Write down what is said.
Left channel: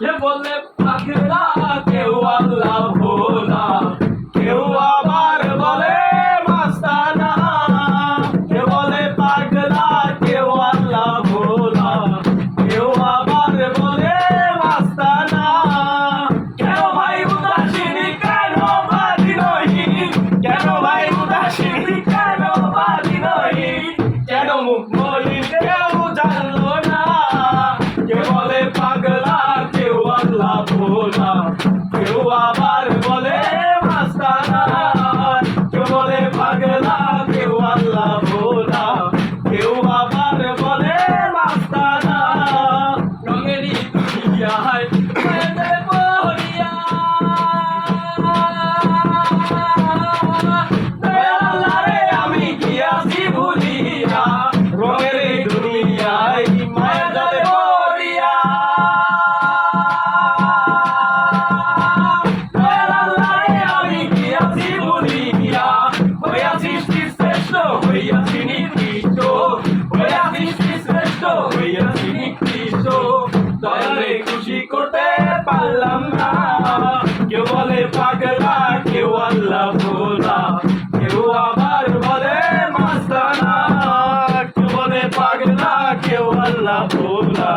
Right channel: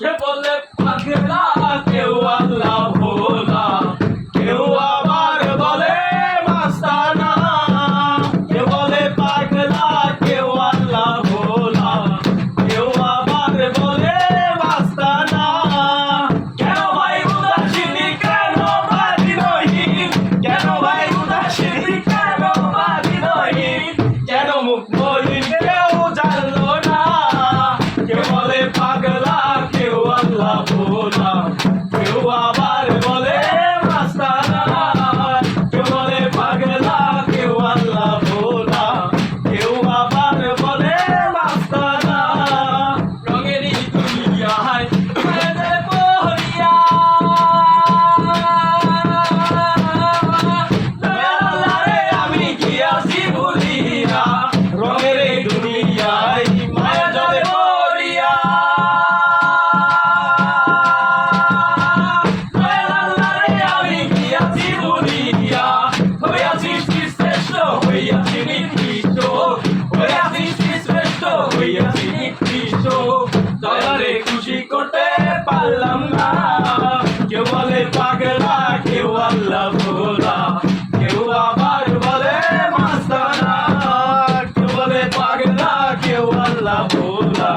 কে বলে পাগলা কেউ আল্লাহ ভোলা, কেউ আবার বলে মাস্তানা। কে বলে পাগলা কেউ আল্লাহ ভোলা, কেউ আবার বলে মাস্তানা। কেন ভাই উদাসীনী, কেন ভাবিনহীন, কেন ভাই উদাসীনী, কেন ভাবিনহীন, কেন মুখ মলিন কেউ জানলো না। কে বলে পাগলা কেউ আল্লাহ ভোলা, কেউ আবার বলে মাস্তানা। কে বলে পাগলা কেউ আল্লাহ ভোলা, কেউ আবার বলে মাস্তানা। রঙেরই দুনিয়ায় ঘুরে যায় বহরিয়া, দয়াল আল্লাহ রে আমি কি আছি ভুলিয়া। রঙের এই দুনিয়ায় মায়ের জলে মরিয়া, দয়াল আল্লাহ রে আমি কি আছি ভুলিয়া। হইয়াছি শ্রেষ্ঠ, হইয়াছি নিকৃষ্ট, হইয়াছি শ্রেষ্ঠ, হইয়াছি নিকৃষ্ট। দয়ালে খুশি করতে পারলাম না। কেউ বলে পাগলা কেউ আল্লাহ ভোলা, কেউ আবার বলে মাস্তানা। কেউ বলে পাগলা কেউ আল্লাহ ভোলা,